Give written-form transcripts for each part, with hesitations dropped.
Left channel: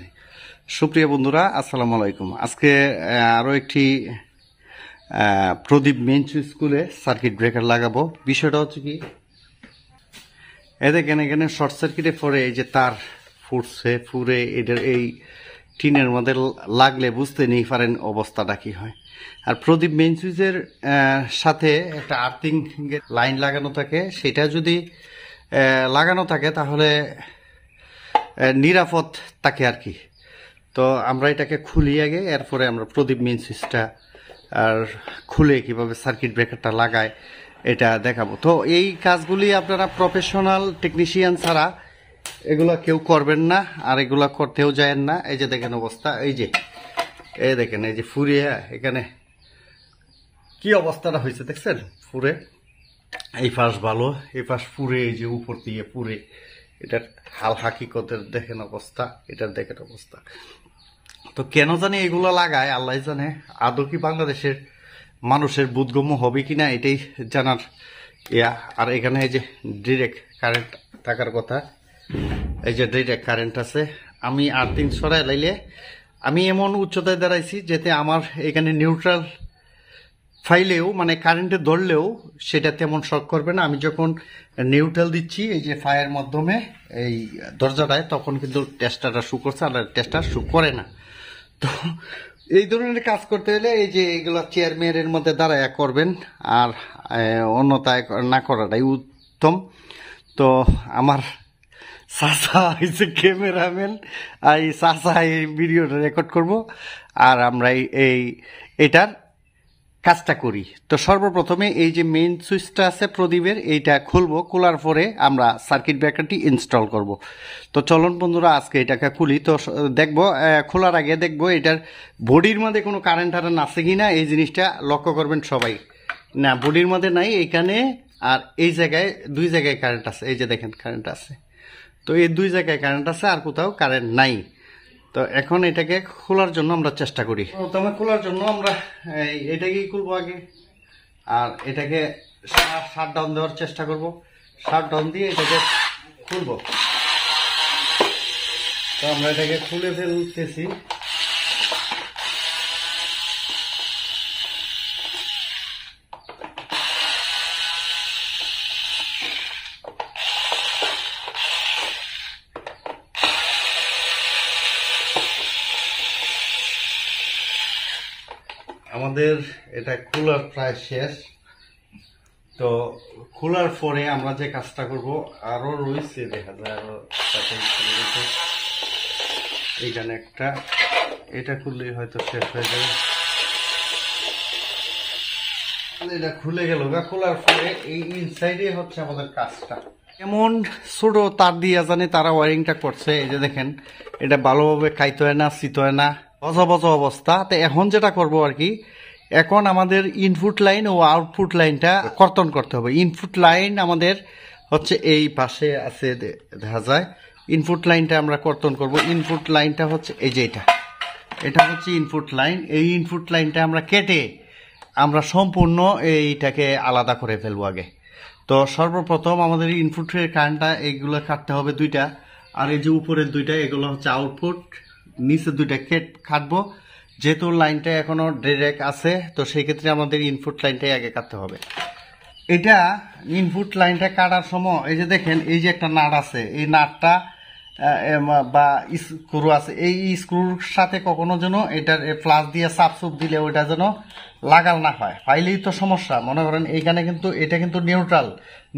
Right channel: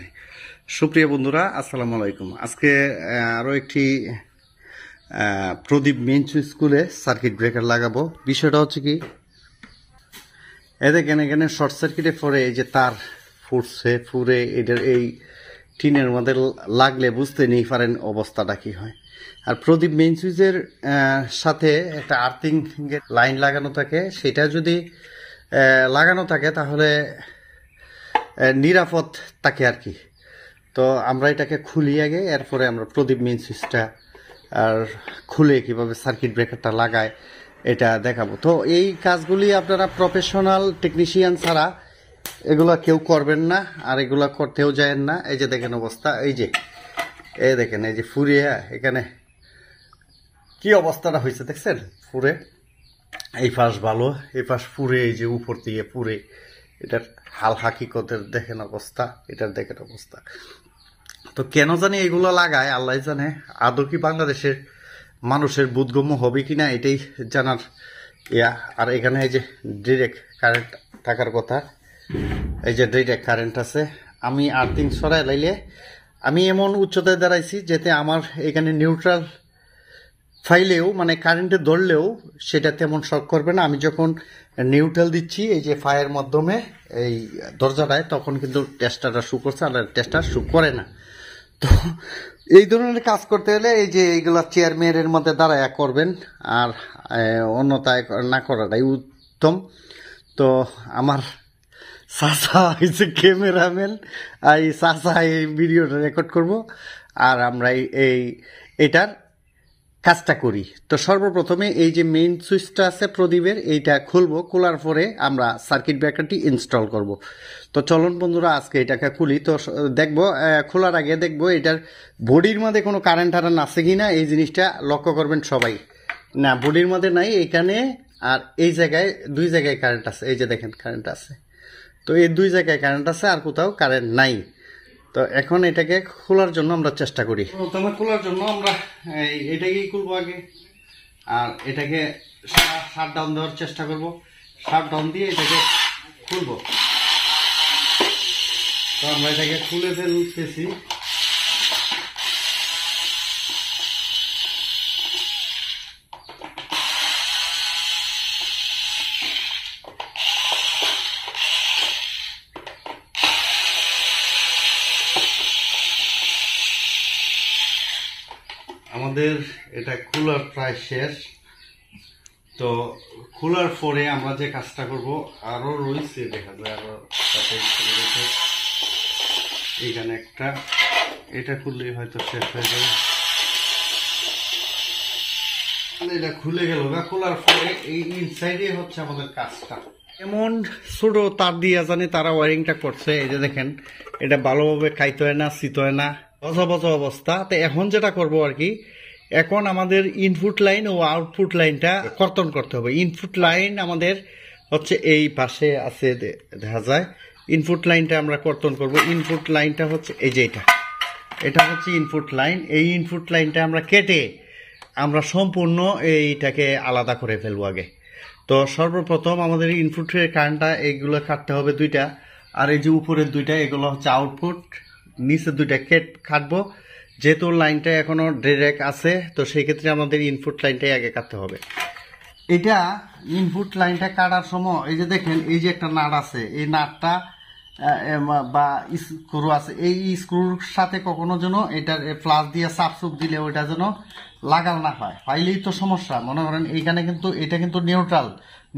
দেয়। সুপ্রিয় বন্ধুরা, আসসালামু আলাইকুম। আজকে আরো একটি প্রদীপ মেইন স্কুলে সার্কিট ব্রেকার লাগাবো। বিষয়টা হচ্ছে কি, এদের এখানে শর্ট সার্কিটে পরে এই যে তার ফুরে এদের এই টিনের মধ্যে লাগলে বুঝতে নেই পারেন অবস্থাটা কি হয়। আর প্রদীপ মেইন সুইচের সাথে একটা আর্থিং লাইন লাগানো থাকে, সেটা যদি লাগানো থাকে তাহলে নিরাপদ থাকে আর কি। তো আমরা এটাকে খুলি আগে, এরপরে আমরা প্রদীপ মেইন সুইচটা আর খুলে কিভাবে সার্কিট ব্রেকারটা লাগায় এটা দেখাবো। তো এই কাজগুলি আপনারা প্রফেশনাল টেকনিশিয়ান ছাড়া এগুলা কেউ করবেন না, আর এগুলা করতেও যায় না। এই যে দেখেন অবস্থা, এই দেখেন এই যে ফুরিয়ে এখানে কি অবস্থাটা হয়েছে দেখছেন। ফুরে এই পাশ ভালো, এই পাশ পুরে, এই যে উপর দিয়ে পুরে, এটার হাল হাকিকতের দেখেন অবস্থা, এটার দেখেন অবস্থা। তো কেন জানি এগুলো লাগায় আল্লাহ জানে। আদৌ কি বাংলাদেশের মানুষের বোধগম্য হবে কিনা এটাই জানার ইয়া। আর এখানে এই যে ডিরেক্ট কারেন্ট থাকার কথা, এই যে ডিরেক্ট কারেন্ট আছে। আমি আর্থিং সরাই লাইলে আমি এমন উচ্চতায় দাঁড়াইছি যাতে আমার এখানে নিউট্রাল ফাইলেও মানে কারেন্টে ধরলেও সেটা তেমন শক করবে না। আমি যখন নিউট্রাল দিচ্ছি এই যে ফায়ার মাধ্যমে এই দরজাটায়, তখন কিন্তু টেস্টারটা শু করছে, আর টেস্টার শু করে না। তো এই ধরনের কাজ করতে হলে এই যে এইগুলা চেয়ারম্যানের মধ্যে দাঁড়ায় করবেন, আর অন্যথায় না করাটাই উত্তম। তো আমার চাচা হয়েছে ক্যামেরাম্যান, এই চাচা এই ভিডিওটা রেকর্ড করব, আর আমরা এটার কাজটা করি। তো সর্বপ্রথমে এই যে মেইন সুইচটা আছে প্রদীপের, এইটা খুলবো। খোলার পরে আমরা সার্কিট ব্রেকারটি ইনস্টল করব। তো চলুন বন্ধুরা, আজকে এটাকে খুলি। তো দেখবো, খোলার আগে দেখবো এটার বডির মধ্যে কোনো কারেন্ট টারেন্ট আছে কিনা, এই জিনিসটা লক্ষ্য করবেন সবাই। না, বডির মধ্যে নাই, এখানে আর এই জায়গায় দুই জায়গায় কারেন্ট আছে। এই যে দেখেন কারেন্ট আছে, তো এই দুই জায়গায় কারেন্ট আছে, আর কোথাও কারেন্ট নাই। তো এখন এটাকে খোলার জন্য আমরা চেষ্টা করি। প্রথমে খোলার জন্য আমরা এটাকেই খুলবো আগে, আর এটাকে শাট ডাউন দেওয়ার চেষ্টা করব। শাট ডাউন দিয়ে এটাকে খুলবো। তো আমরা এটাকে খুলে ফেলতেছি। আমাদের এটা খোলার প্রায় শেষ। তো খোলার পরে আমরা যে কাজটা করব, আরো রয়েছে দেখা যায়, আরো এইখানে একটা, এটা খুললেই হয়তো শেষ হয়ে যাবে। এটা খুলে গেল। খোলার পরে এই ইনসাইডে হচ্ছে আমাদের কাজটা। এমন ছোট তার দিয়ে জানি তারা ওয়ারিংটা করছে। এই যে দেখেন, এটা ভালোভাবে খাইতে হয় না, শীত হয় না, বজ অবস্থা। তো এখন যেটা করব আর কি, এখন আমাদের ইনপুট লাইন ও আউটপুট লাইনটা কর্তন করতে হবে। ইনপুট লাইন আমাদের হচ্ছে এই পাশে আছে, দেখা যায়। ইনপুট লাইনটা আমরা কর্তন করব। ইনপুট লাইনটা হচ্ছে এই যে এটা হচ্ছে ইনপুট লাইন। এই ইনপুট লাইনটা আমরা কেটে আমরা সম্পূর্ণ এইটাকে আলাদা করে ফেলবো আগে। তো সর্বপ্রথম আমাদের ইনপুটের কারেন্টটা এইগুলো কাটতে হবে দুইটা, আর এই যে উপরের দুইটা এগুলো হচ্ছে আউটপুট, নিচের দুইটা কাটবো। যেহেতু লাইনটা এখনো ডিরেক্ট আছে, তো সেই ক্ষেত্রে আমাদের ইনপুট লাইনটাই আগে কাটতে হবে। এটা ইনপুট লাইনটা কাটার সময় এই যে দেখেন, এই যে একটা নাট আছে, এই নাটটা বা স্ক্রু আছে, এই স্ক্রুর সাথে কখনো যেন এটার প্লাস দিয়ে চাপ দিলে ওইটা যেন লাগাল না হয়, পাইলেই তো সমস্যা। মনে করেন এইখানে কিন্তু এটা কিন্তু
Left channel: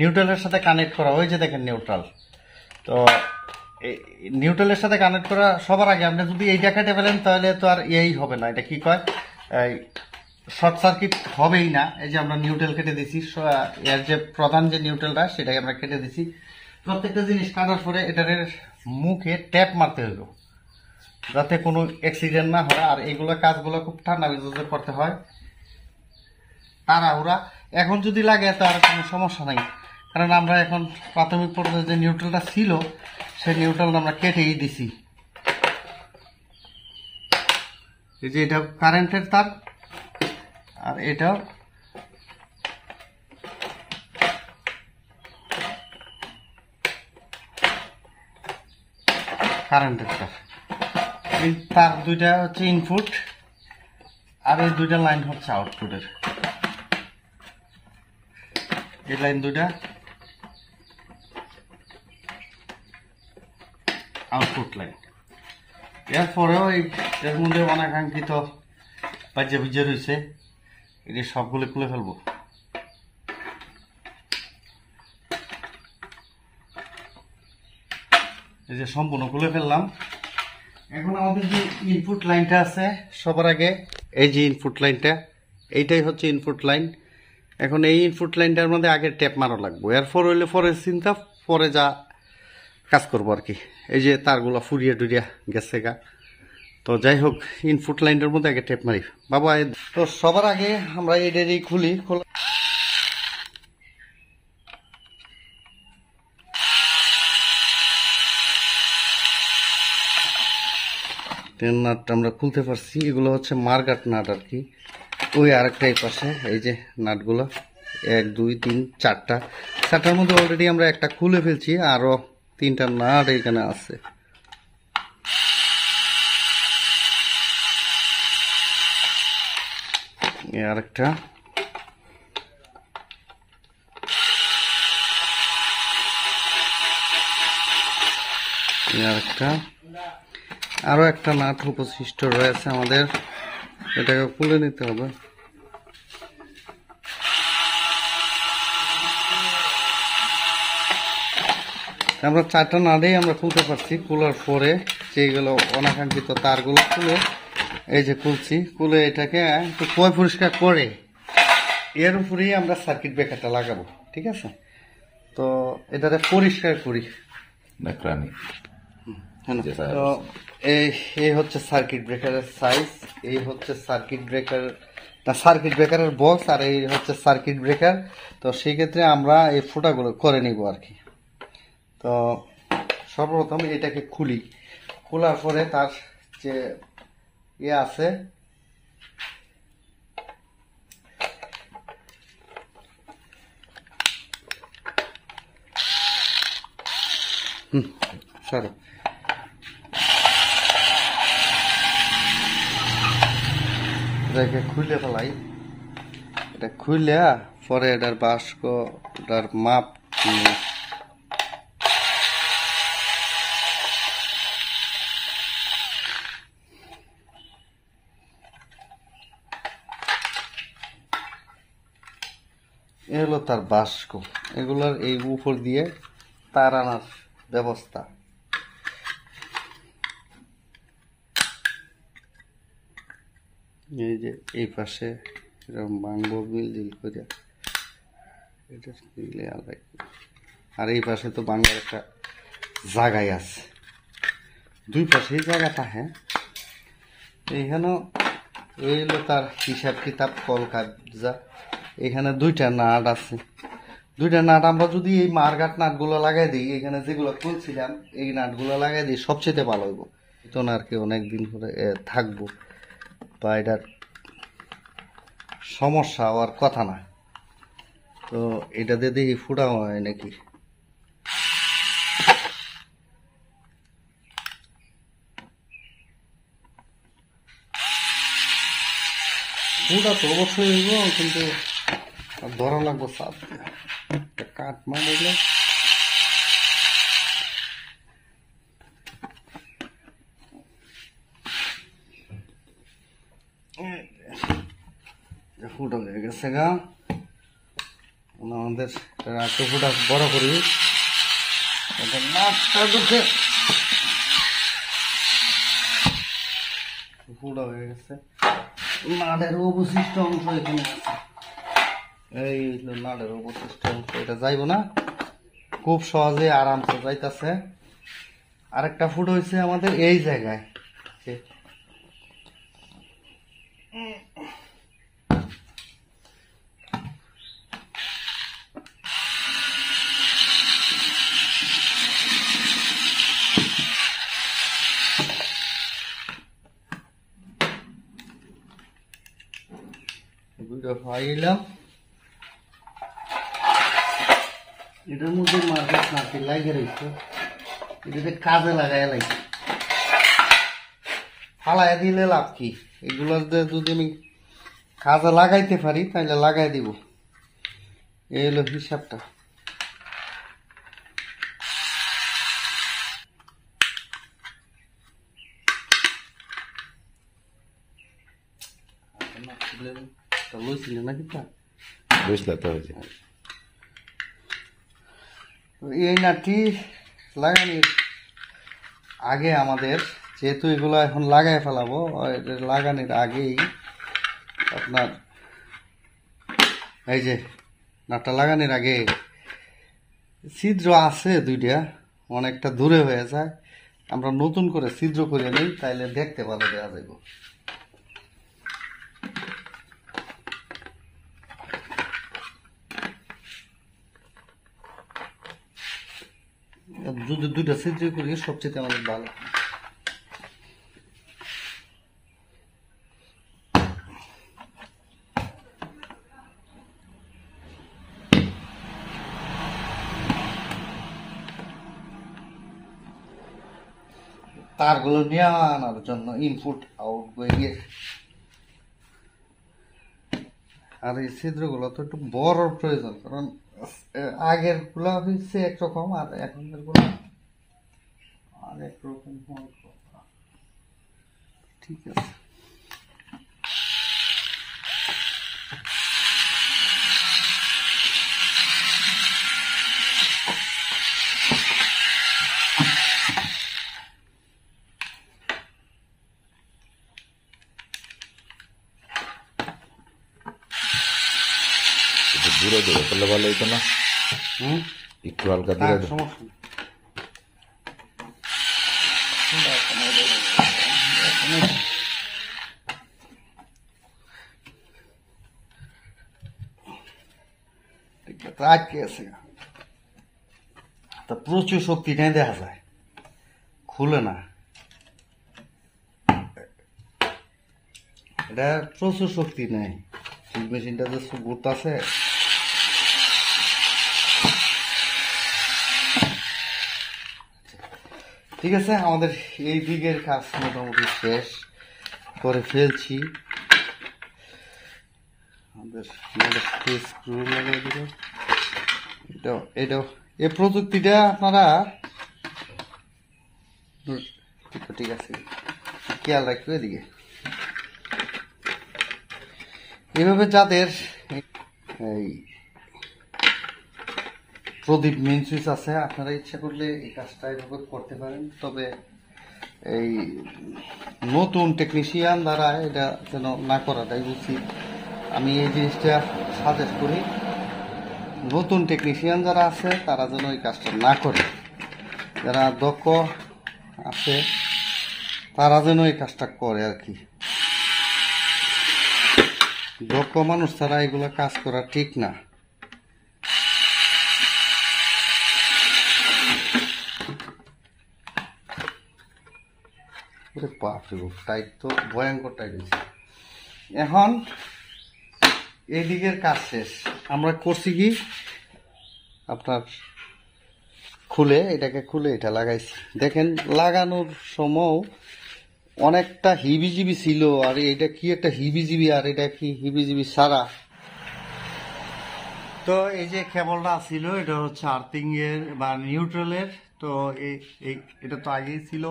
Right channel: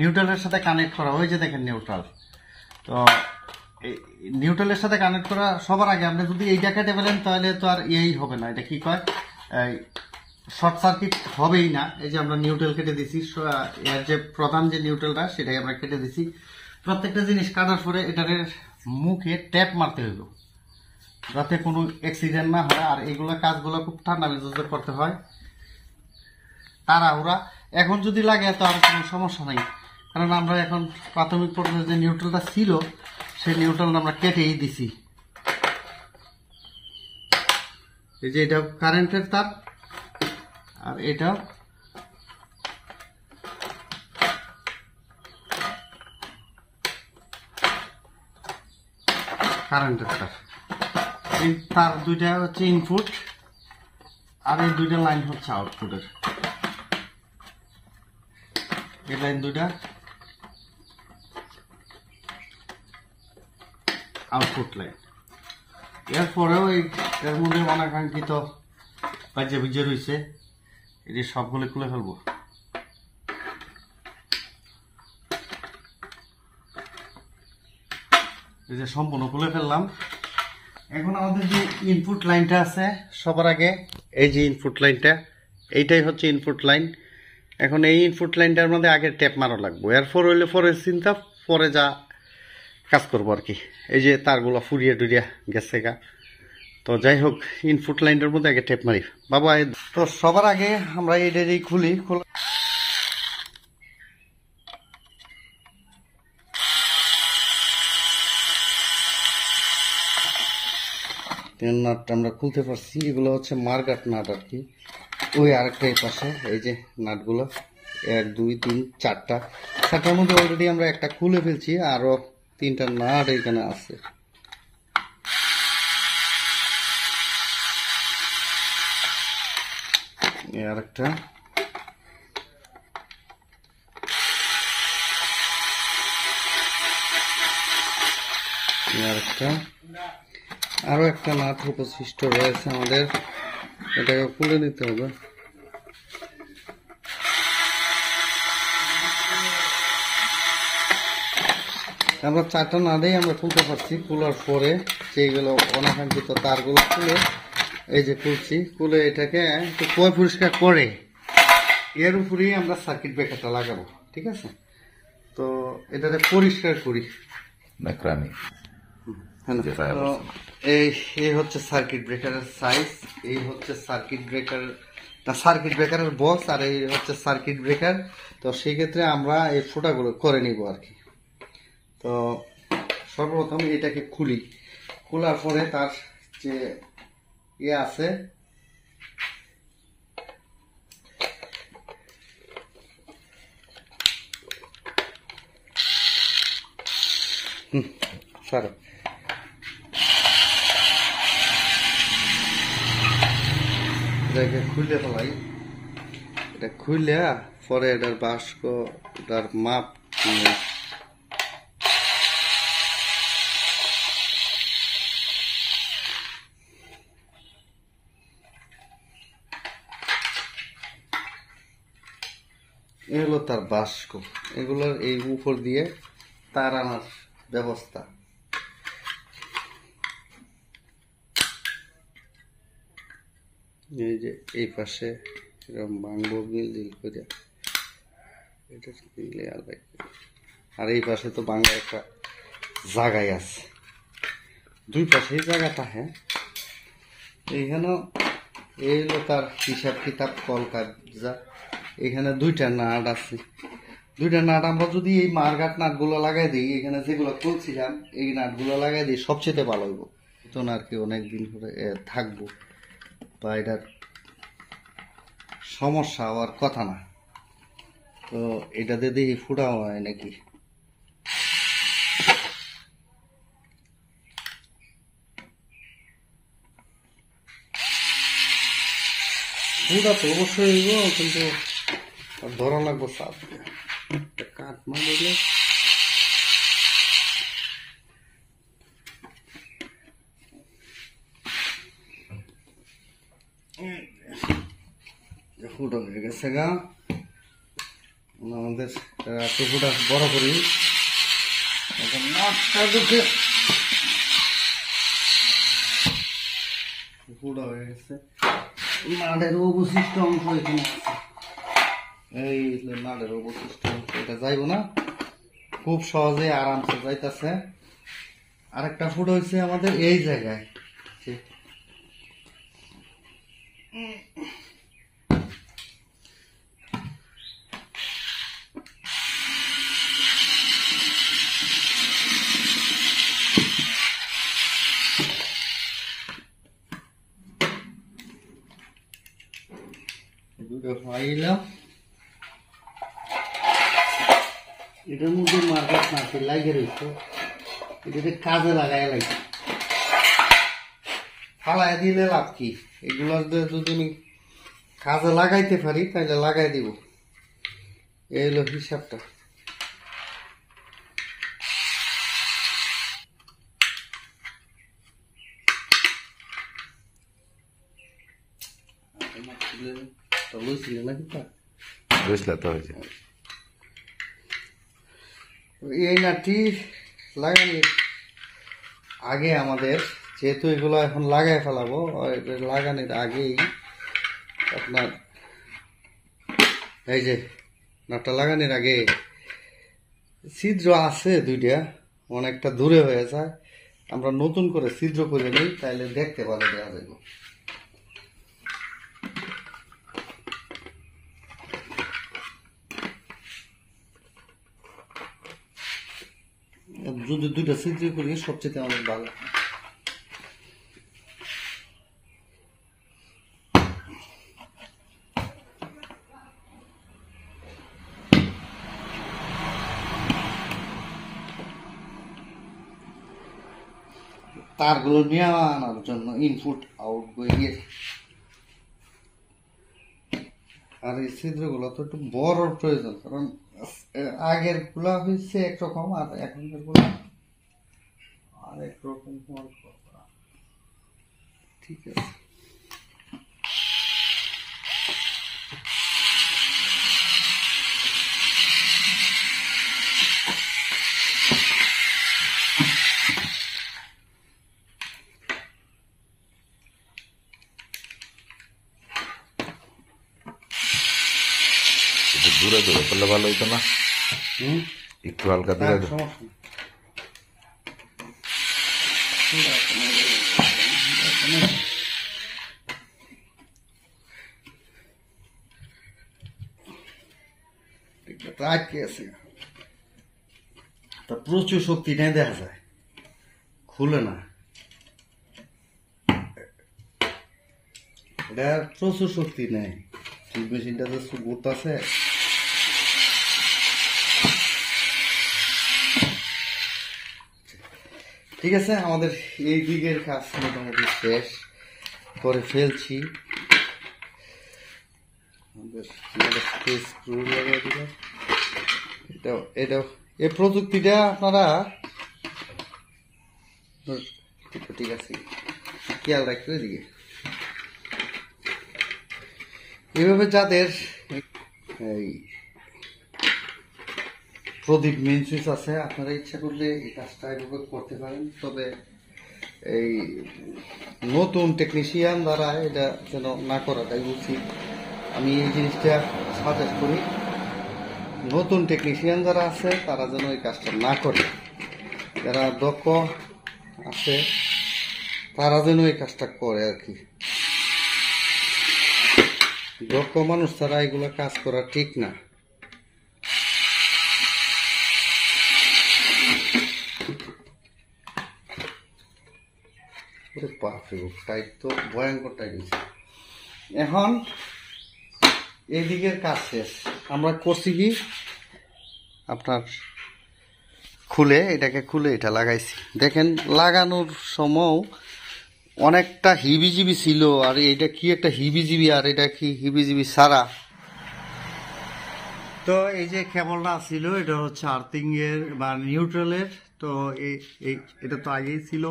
নিউট্রালের সাথে কানেক্ট করা, ওই যে দেখেন নিউট্রাল। তো নিউট্রালের সাথে কানেক্ট করা সবার আগে আপনি যদি এইটা কেটে ফেলেন তাহলে তো আর এই হবে না, এটা কি কয় শর্ট সার্কিট হবেই না। এই যে আমরা নিউট্রাল কেটে দিছি, এর যে প্রধান যে নিউট্রালটা সেটাই আমরা কেটে দিছি। প্রত্যেকটা জিনিস কাটার পরে এটার মুখে ট্যাপ মারতে হইল, যাতে কোনো অ্যাক্সিডেন্ট না হয়। আর এইগুলো কাজগুলো খুব ঠান্ডা মেজাজে করতে হয়, তাড়াহুড়া। এখন যদি লাগে তো আর কোনো সমস্যা নাই, কারণ আমরা এখন প্রাথমিক পর্যায়ে যে নিউট্রালটা ছিল সেই নিউট্রালটা আমরা কেটেই দিছি। এই যে এটা কারেন্টের তার, আর এটাও কারেন্টের তার। এই তার দুইটা হচ্ছে ইনপুট আর এই দুইটা লাইন হচ্ছে আউটপুটের। এই লাইন দুইটা আউটপুট লাইন। এরপরেও এর মধ্যে অনাকাঙ্ক্ষিত বাজ্যে ভিজে রয়েছে, এটি সবগুলো খুলে ফেলবো। এই যে সম্পূর্ণ খুলে ফেললাম। এখন আমাদের যে ইনপুট লাইনটা আছে, সবার আগে এই যে ইনপুট লাইনটা, এইটাই হচ্ছে ইনপুট লাইন। এখন এই ইনপুট লাইনটার মধ্যে আগে ট্যাপ মারা লাগবো, এরপর হইলে পরের চিন্তা, পরে যা কাজ করবো আর কি। এই যে তারগুলো ফুরিয়ে টুরিয়া গেছে গা, তো যাই হোক ইনপুট লাইনটার মধ্যে আগে ট্যাপ মারি বাবা। তো সবার আগে আমরা এটাই খুলি। নাটটা আমরা খুলতে পারছি। এগুলো হচ্ছে মার্গাট নাট আর কি। ওই আরেকটা এই পাশে এই যে নাটগুলো 1 2 3 4টার মধ্যে অলরেডি আমরা একটা খুলে ফেলছি, আরো 3টা নাট এখানে আছে। আরেকটা আরো একটা নাট উপশিষ্ট রয়েছে আমাদের, এটাকে খুলে নিতে হবে। আমরা 4টা নাটেই আমরা খুলতে পারছি। খোলার পরে সেইগুলো অনাকাঙ্ক্ষিত তারগুলো খুলে এই যে খুলছি, খুলে এটাকে একটু পরিষ্কার করে এর উপরেই আমরা সার্কিট ব্রেকারটা লাগাবো। ঠিক আছে, তো এটাকে পরিষ্কার করি। এই হচ্ছে সার্কিট ব্রেকারের সাইজ, এই হচ্ছে সার্কিট ব্রেকারের বক্স, আর এই হচ্ছে সার্কিট ব্রেকার। তো সেই ক্ষেত্রে আমরা এই ফুটাগুলো করে নিব আর কি। তো সর্বপ্রথম এটাকে খুলি, খোলার পরে তার যে ইয়ে আছে স্যার, এটাকে খুলে ফেলাই। এটা খুলে পরে এটার বাস্ক, এটার মাপ এ হলো তার বাস্ক। এগুলোর এই উপর দিয়ে তার আনার ব্যবস্থা। এই যে এই পাশে এরকম বাংলো মিল করে এটা মিলে আলাদা, আর এই পাশে তো বাংলা একটা জায়গায় আছে, দুই পাশে জায়গাটা। হ্যাঁ, এইখানেও এই হলো তার হিসাব কিতাব কলকাতা। এখানে 2টা নাট আছে। 2টা নাট আমরা যদি এই মার্গাট নাটগুলো লাগাই দিই, এখানে যেগুলো খুলছিলাম এই নাটগুলো লাগাই দিই, সবচেয়ে ভালো হইব। তো না আর কি অনেকদিন ধরে থাকবো, বা এটার সমস্যা হওয়ার কথা না। তো এটাতে দেখি ফুটাও হয় নাকি। ফুটা তো অবশ্যই হইব, কিন্তু ধরা লাগবে চাপ, কাঠ মারলে ফুটা হয়ে গেছে গা। আমাদের ফুটা বড় করি, ফুটা হয়ে গেছে। নাটের অবশিষ্ট অংশ এখানে আছে, এই নাটের অবশিষ্ট অংশ। এটা যাইব না, খুব সহজে আরামসে যাইতেছে। আরেকটা ফুট হয়েছে আমাদের এই জায়গায়, এটার মধ্যে মার্কেট নাকি লাগে রয়েছে, এটাতে কাজে লাগাই লাগে। ফালাই দিলে লাভ কি, এগুলো যদি আমি কাজে লাগাইতে পারি তাহলে লাগাই দিব, এই হলো হিসাবটা। এই নাটটি লাগানোর আগে আমাদের, যেহেতু এগুলো এখন লাগাই ফেলাবো, লাগানোর আগেই আপনার এই যে নাটটা লাগানোর আগে ছিদ্র আছে দুইটা, অনেকটা দূরে হয়ে যায়, আমরা নতুন করে ছিদ্র করে নিই, তাইলে দেখতে ভালো দেওয়া যাবে। যদি দুইটা ছিদ্র করি সবচেয়ে অনেক ভালো। তারগুলো নিয়ে আনার জন্য ইনপুট আউট বইয়ে, আর এই ছিদ্রগুলো তো একটু বড় প্রয়োজন, কারণ আগের গুলা হচ্ছে একরকম আর এখনকার গুলা আরেক রকম হওয়ার কথা। ঠিক আছে, দূরে দূরে করলে ভালো হইতো না? একটু হালকা দূরে দূরে। প্রচুর শক্তি নেই, দেখা যায় খুলে না, এটা প্রচুর শক্তি নেই। মেশিনটা যে সুবোধ আছে, ঠিক আছে। আমাদের এই দিকের কাজ মোটামুটি শেষ করে ফেলছি। এই প্রযুক্তিটা আপনারা ঠিক আছে খেয়াল রাখবে এদিকে, এভাবে যাদের এই প্রদীপ মেন সুইচ আছে, আপনারা ইচ্ছা করলে এই কাজটা এভাবে করতে পারেন। তবে এই নতুন টেকনিশিয়ান দ্বারা এটা যেন না করাটাই উচিত, আমি এই জিনিসটা সাজেস্ট করি। নতুন টেকনিশিয়ান যারা আছে তারা যেন এই কাজটা না করে, যারা দক্ষ আছে তারা যেন এই কাজটা করে আর কি। দক্ষ মানুষ ছাড়া এগুলো কাজ করা ঠিক না। টাইট তো ভয়ঙ্কর টাইট হয়েছে। এখন এই দিকের কাজ শেষ, আমরা করছি কি আপনার এটাকে খুলে এটা লাগাইছি। দেখেন লাগানোর সময় অনেকটা হিবিজিবি ছিল, আর এটা কি একটা হিবিজিবি আর এটা কি হিবিজিবি সারা। তো এই যে কেবলটা ছিল এটা হচ্ছে আর্থিং এর বা নিউট্রালের, তো এটা তো আগেই ছিল।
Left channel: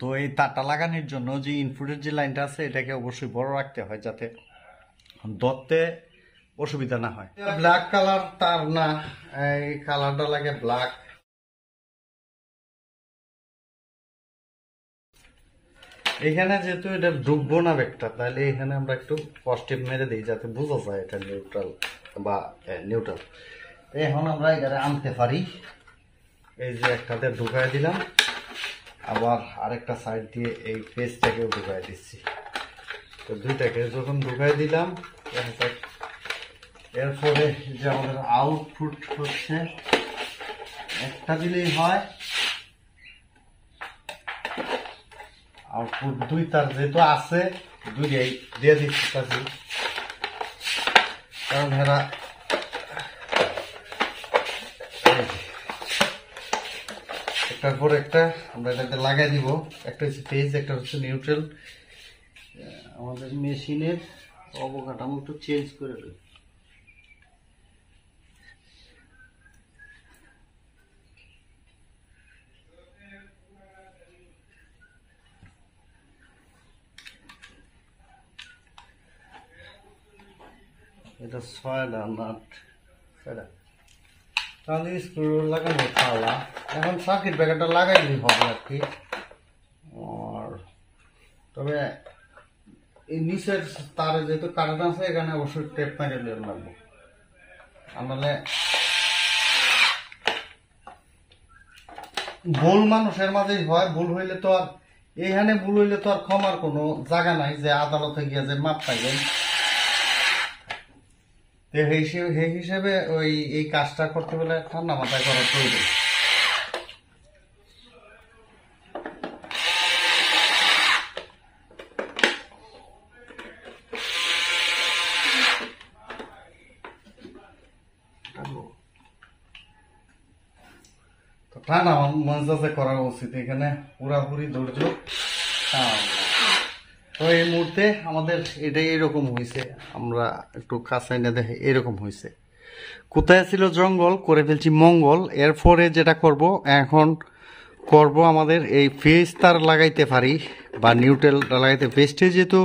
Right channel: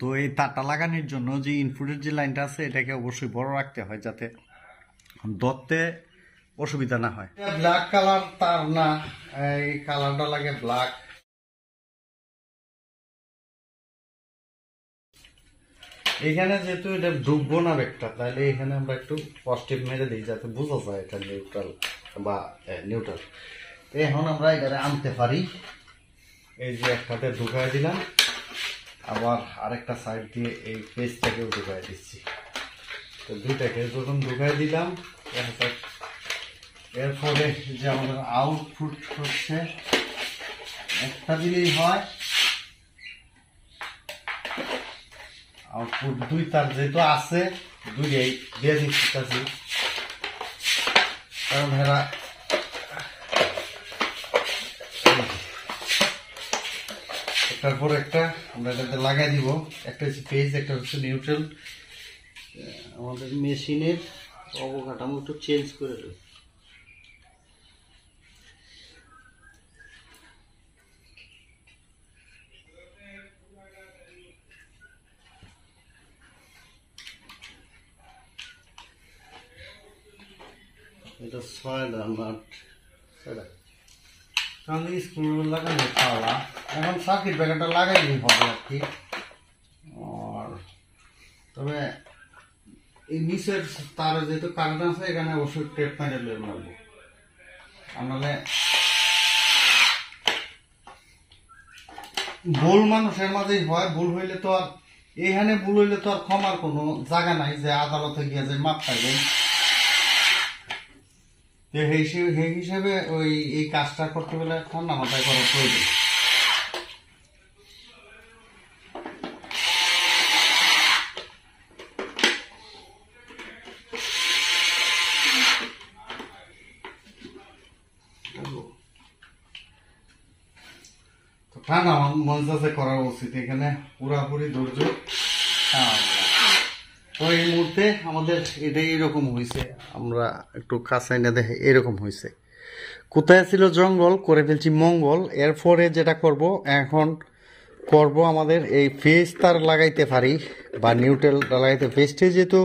তো এই তারটা লাগানোর জন্য যে ইনপুটের যে লাইনটা আছে এটাকে অবশ্যই বড় রাখতে হয়, যাতে ধরতে অসুবিধা না হয়। ব্ল্যাক কালার তার না, এই কালারটা লাগে ব্ল্যাক। এখানে যেহেতু এটা ঢুকবো না ব্যাগটা, তাহলে এখানে আমরা একটু পজিটিভ মেরে দিই যাতে বোঝা যায় এটা নিউট্রাল বা নিউট্রাল। এখন আমরা এখানে আনতে পারি, এই যে একটাতে ঢুকাই দিলাম, আবার আরেকটা সাইড দিয়ে এই পেজটাকেও ঢুকাই দিচ্ছি। তো দুইটাকে যখন ঢুকাই দিলাম, এরপরে যে আমাদের আউটপুট হচ্ছে একটা দিলেই হয়। আউটপুট দুই তার যেহেতু আছে, দুইটাই দিয়ে দিচ্ছি, কারণ এরা একটার পর একটা আমরা এটাতে লাগাই দিব। একটা হচ্ছে ফেজ, একটা হচ্ছে নিউট্রাল। আমাদের মেশিনের অবকাঠামো একটু চেঞ্জ করে দেব। এটা 6টা নাট, 6টা তাহলে স্ক্রু লাগানো পাওয়া। এখন সার্কিট ব্রেকারটা লাগাইলেই হবে আর কি। আর তবে এই নিচের তারে যেহেতু কারেন্ট আছে, এখানে অবশ্যই টেপ মাইরে লাগবো, নাহলে ভুল মানুষের মাঝেই হয়। ভুল হইলে তো আর এইখানে ভুল হইলে তো আর ক্ষমার কোনো জায়গা নাই যে আদালতে গিয়ে যে মাপ পাইবেন। সেই হিসেবে ওই এই কাজটা করতে গেলে ঠান্ডা মাথায় করা প্রয়োজন। ঠান্ডা মঞ্চে করা উচিত, এখানে পুরাপুরি ধৈর্য। তো এই মুহূর্তে আমাদের এটা এরকম হয়েছে, আমরা একটু কাছে না দেখে এরকম হয়েছে। কোথায় ছিল জঙ্গল, করে ফেলছি মঙ্গল। এরপরে যেটা করব এখন করব আমাদের এই ফেজ তার লাগাইতে পারি বা নিউট্রাল লাগাইতে। ফেজটাই যেহেতু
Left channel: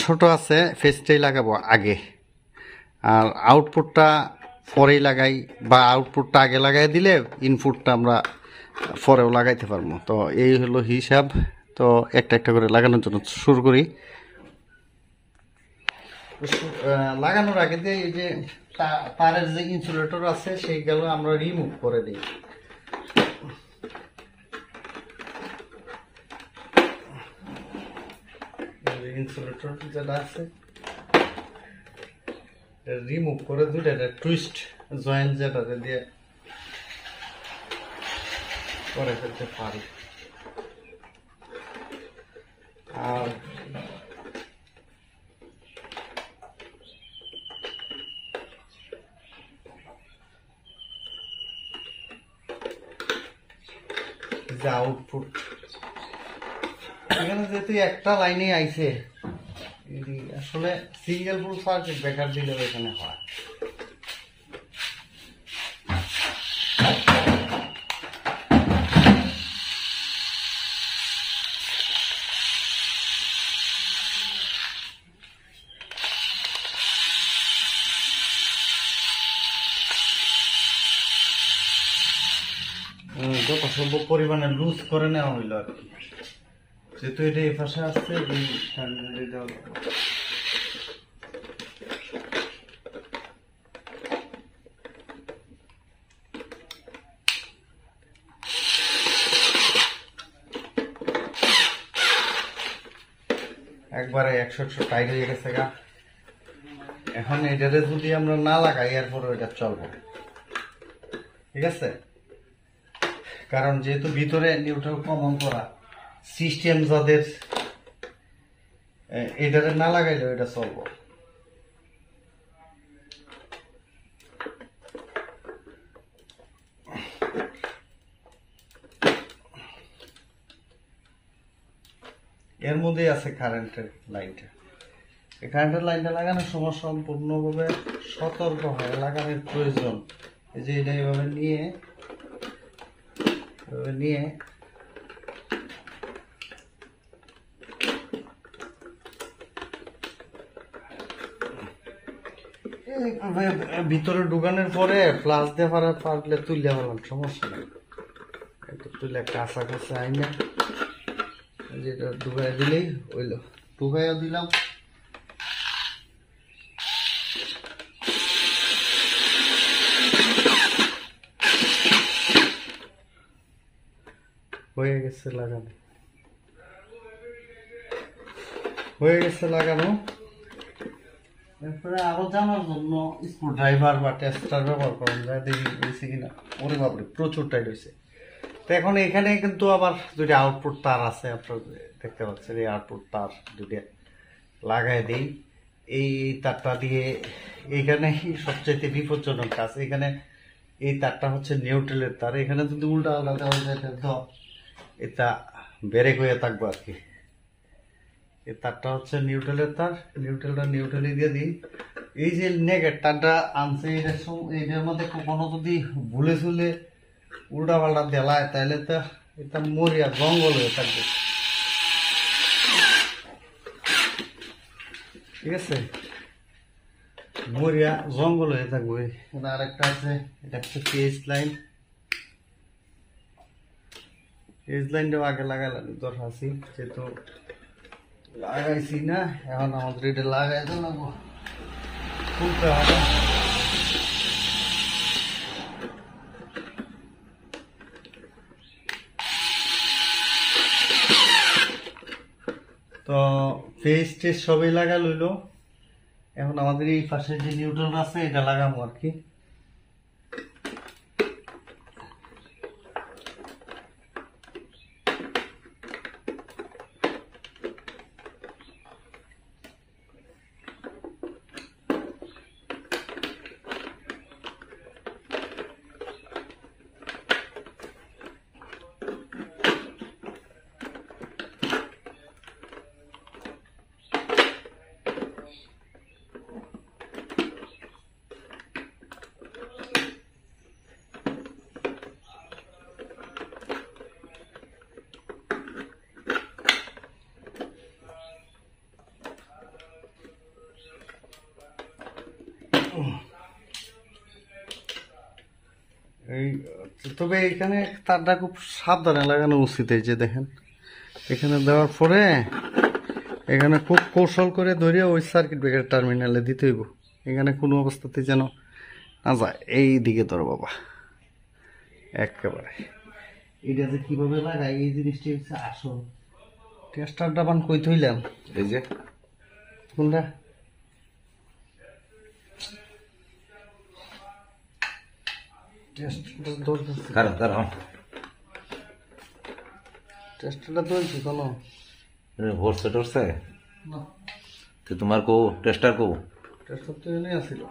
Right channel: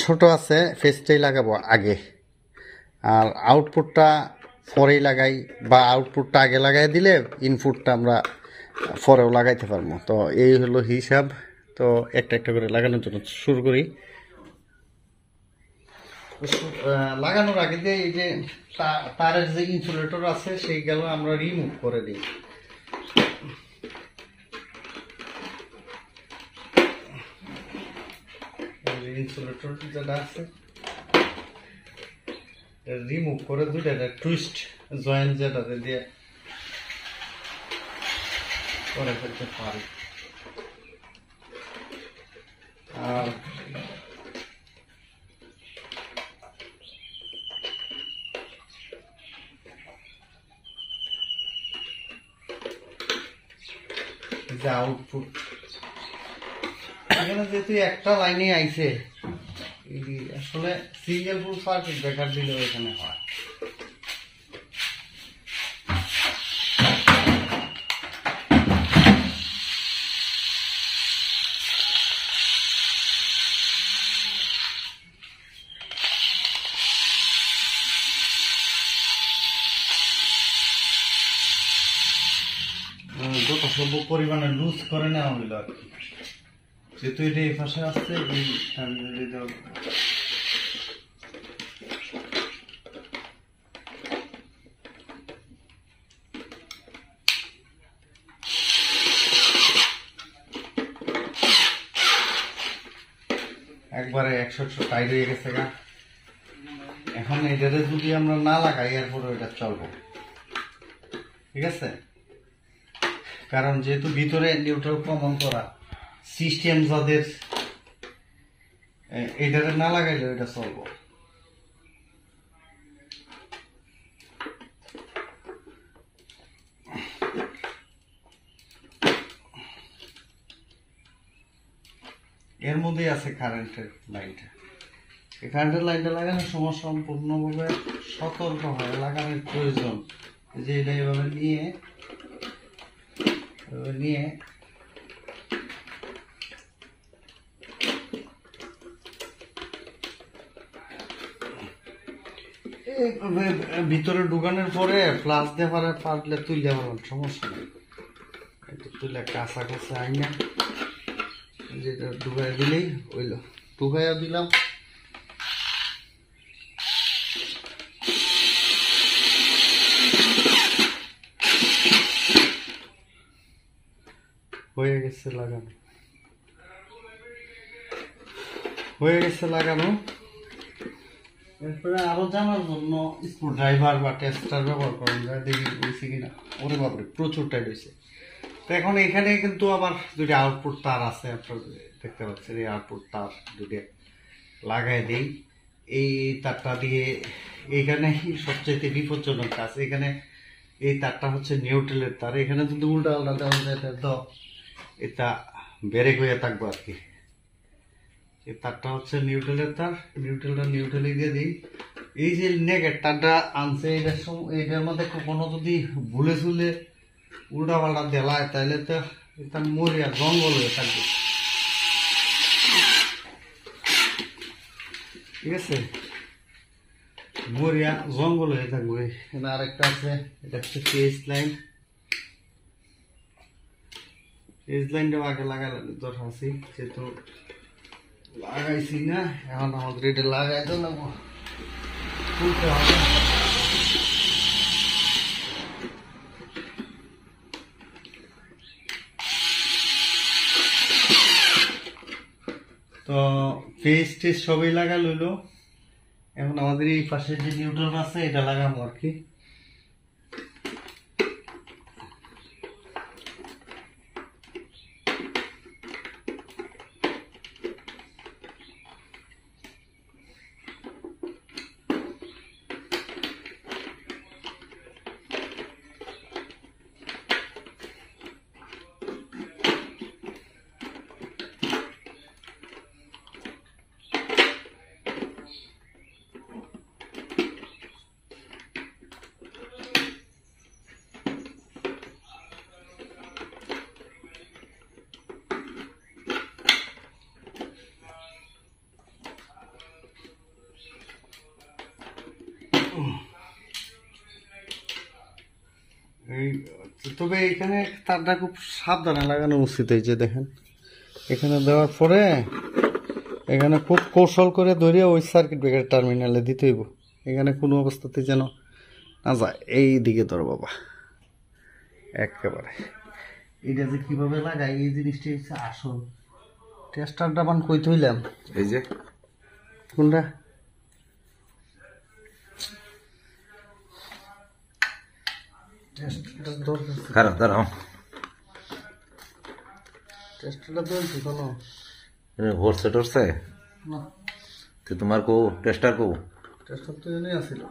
ছোট আছে, ফেজটাই লাগাবো আগে, আর আউটপুটটা পরেই লাগাই, বা আউটপুটটা আগে লাগাই দিলে ইনপুটটা আমরা পরেও লাগাইতে পারবো। তো এই হলো হিসাব। তো একটা একটা করে লাগানোর জন্য শুরু করি। লাগানোর আগে দিয়ে এই যে তারের যে ইনসুলেটর আছে সেইগুলো আমরা রিমুভ করে দিই। ইনসুলেটর যেটা আছে রিমুভ করে দুইটা টুইস্ট জয়েন্ট যেটা দিয়ে করে ফেলতে পারি। আর যে আউটপুট এখানে যেহেতু একটা লাইনে আইছে, আসলে সিঙ্গেল ফুল সার্কিট ব্রেকার দিলেও এখানে হয়। যত সম্ভব পরিমাণে লুজ করে নেওয়া হইল আর কি, যেহেতু এটা এই পাশে আসছে। একবারে 100 টাইট হয়ে গেছে গা। এখন এটাতে যদি আমরা না লাগাই এরপরে এটা চলবো, ঠিক আছে? কারণ যেহেতু ভিতরে নিউট্রাল কমন করা সিস্টেম, যাদের এটাতে না লাগাইলে এটা চলবো। এর মধ্যেই আছে কারেন্টের লাইনটা। এই কারেন্টের লাইনটা লাগানোর সময় সম্পূর্ণভাবে সতর্ক হয়ে লাগানোর প্রয়োজন। এই যে এটা এইভাবে নিয়ে ভিতরে ঢুকানোর পরে প্লাস দিয়ে পারলে তুলে পারলাম, সমস্যা নেই। তুলে কাঁচা কাঁচা আইনা যেটা ঢুকাই দিলেই হইল। ঢুকাইও দিলাম। হয়ে গেছে লাগানো। এরপরে আরো জানার জন্য স্ক্রু ড্রাইভার বা টেস্টার ব্যবহার করেন যায়, দেখি হয়েছে কিনা। ওরে বাপরে, প্রচুর টাইট হয়েছে। তো এখন এখানে কিন্তু আবার দুইটা আউটপুট তার আছে, আপনারা দেখতে পাচ্ছেন। এই আউটপুট তার দুইটা লাগাই দেই। এই তারটা দিয়ে এইখানে সবচেয়ে বিপজ্জনক কাজ। এখানে এই তারটা হচ্ছে নিউট্রালের তার। এখানে যদি উল্টা আলাদা দেওয়া যায় তো এটা বেরেক হয়ে থাকবো আর কি। এই তারটা হচ্ছে নিউট্রালের তার, নিউট্রালটা নিউট্রালি দিয়ে দিই। এই যে নেগেট তারটা আনছে এইটার মধ্যে কখনো যদি ভুলে চুলে উল্টা পাল্টা দেলায় তাহলে তো এটা মরিয়া জঙ্গল হয়ে থাকবে, ঠিক আছে, মরিয়া জঙ্গল হয়ে থাকবে। এটা আরেকটা আছে, এটা হচ্ছে পেজ লাইন। পেজ লাইনটাও আগে লাগাইলাম দরকার আছে, যেহেতু লাগাইছি না, এখন আমাদের এটা লাগাই দিলাম, খুলতে হবে। তো পেজ টেজ সবই লাগা লইলো, এখন আমাদের এই পাশে যে নিউট্রাল আছে এটা লাগাবো আর কি। তবে এখানে তারটা খুব সাবধানে লাগানো উচিত। এই যে দেখেন, এখানে দেওয়ার পরে এখানে খুব কৌশল করে ধরে ওই সার্কিট ব্রেকার টার্মিনালে দিতে হইব। এখানে কোনো অবস্থাতে যেন না যায়। এই দিকে ধরো বাবা, একেবারে এটা যে কিভাবে লাগাই এই জিনিসটা হচ্ছে আসল। টেস্টারটা বান কই থইলাম, এই যে কোনটা দাঁড়াও দাঁড়াও, টেস্টারটা চলছে কোনো ভরছে টরছে না, তো তোমার কো টেস্টার কো টেস্টার তো এনেই আসিল।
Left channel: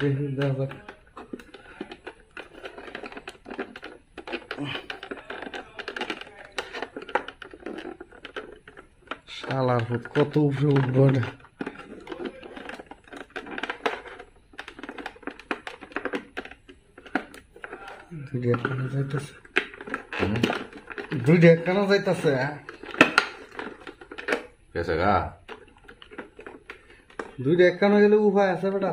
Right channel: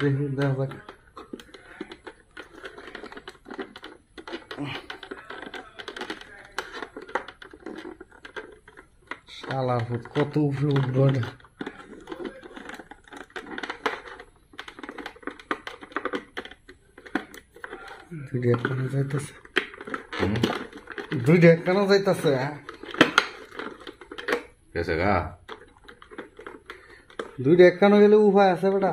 দেখি দেখা যাক। শালার ফুট কত উপরে উঠবো এটা। দুইটা কেন যাইতেছে, দুইটা কেন যাইতেছে कैसे का দুইটা কেন গেলে উপায় আছে বেটা।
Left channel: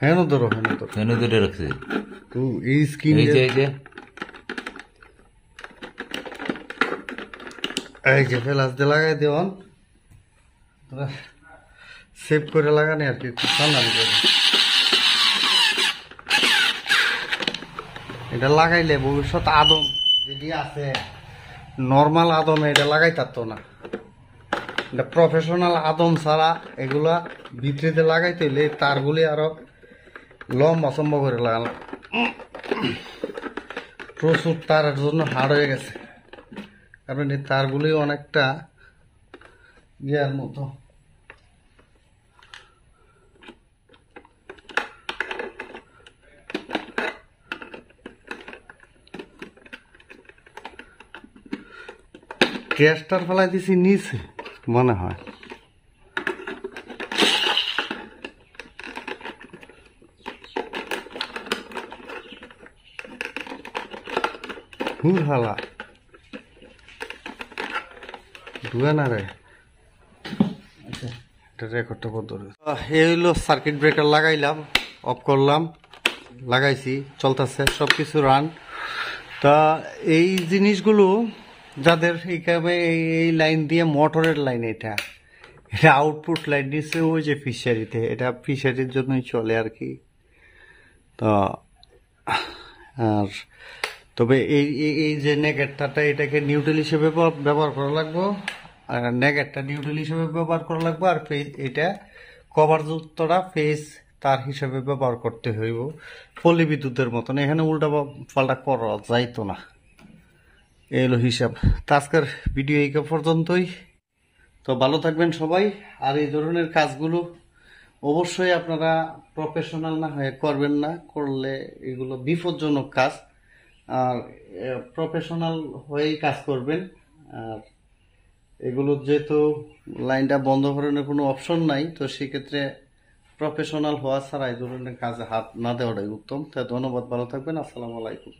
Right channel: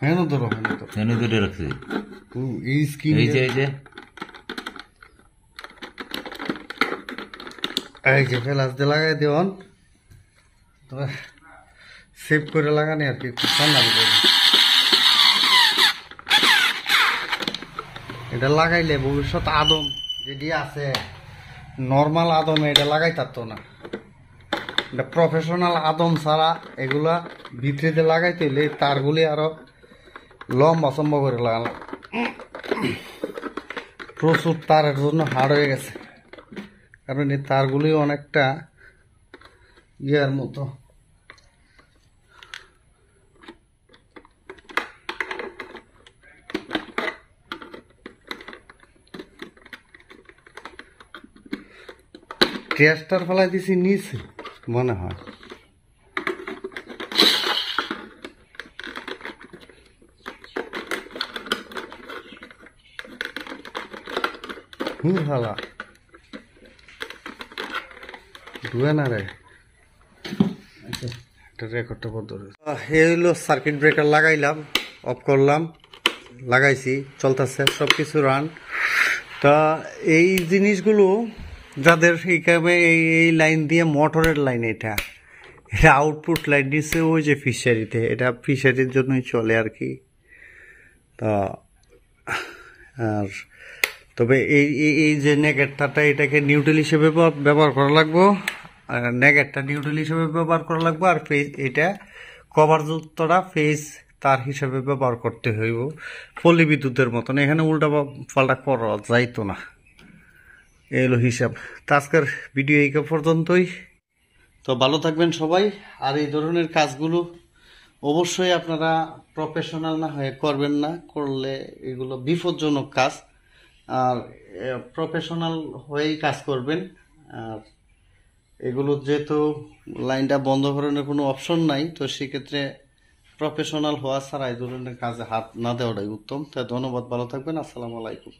হ্যাঁ না ধরো, হ্যাঁ না ধরো, मैंने तो रख से তুই এই স্কিন এই যে এই যে ফেলাস দিয়ে লাগাই দিওন, তবে সেভ করে লাগানি আর কি, একটু ঠান্ডা হবে। এটা লাগাইলে ভবিষ্যৎ আদম যেটি আছে নর্মাল আদম এটা লাগাই থাকতো না। এটা প্রফেশনাল আদম ছাড়া এগুলা ভিতরে লাগাইতে হইলে তারগুলি আরো লম্বা সম্ভব করে লাগানো, প্রচুর তারের জন্য হার্ড হয়ে গেছে, কারণ এই তারগুলি অনেকটা ইয়ার মতো। টেস্টার ফেলাই দিছি নিচে মনে হয়। হালা ডুবে না রে, এটা রেকর্ডটা বন্ধ হয়ে গেছে। এই হইলো সার্কিট ব্রেকার লাগাইলাম, অফ করলাম, লাগাইছি, চলতেছে সবকিছু রান। তা এই জিনিসগুলো যাদের এইখানে এই লাইন দিয়ে মোটরের লাইন, এটা আউটপুট লাইন দিচ্ছে ওই যে ফিশারিতে, এটা ফিশারির জন্যই চলে আর কি। তো আর তবে এই যে নেগেটটা এটাকে নিউট্রাল হিসেবে ব্যবহার করা লাগবো, আর নেগেটটা নিউট্রাল হিসেবে ব্যবহার করা লাগবো, আর ফেজ এটা কভার যুক্তটা ফেজ তার হিসেবে ব্যবহার করতে হইব, পল্লী বিদ্যুতের মতন এখানে উল্টা পাল্টা করা যাইতো না। এই হলো হিসাব। তো আজকের ভিডিও এই পর্যন্তই। তো ভালো থাকবেন সবাই। আর এই ধরনের কাজগুলো অবশ্যই আপনারা প্রফেশনাল না হয়ে করবেন না, করলে এগুলো বিপজ্জনক কাজ। আর প্রফেশনাল হয়েই কাজ করবেন। আর এগুলো যেহেতু লাইনটা বন্ধ করানোর কোনো অপশন নাই, তো সেক্ষেত্রে প্রফেশনাল হওয়া ছাড়া এই ধরনের কাজে হাত না দেওয়াটাই উত্তম। তাই ধন্যবাদ, ভালো থাকবেন, আসসালামু আলাইকুম।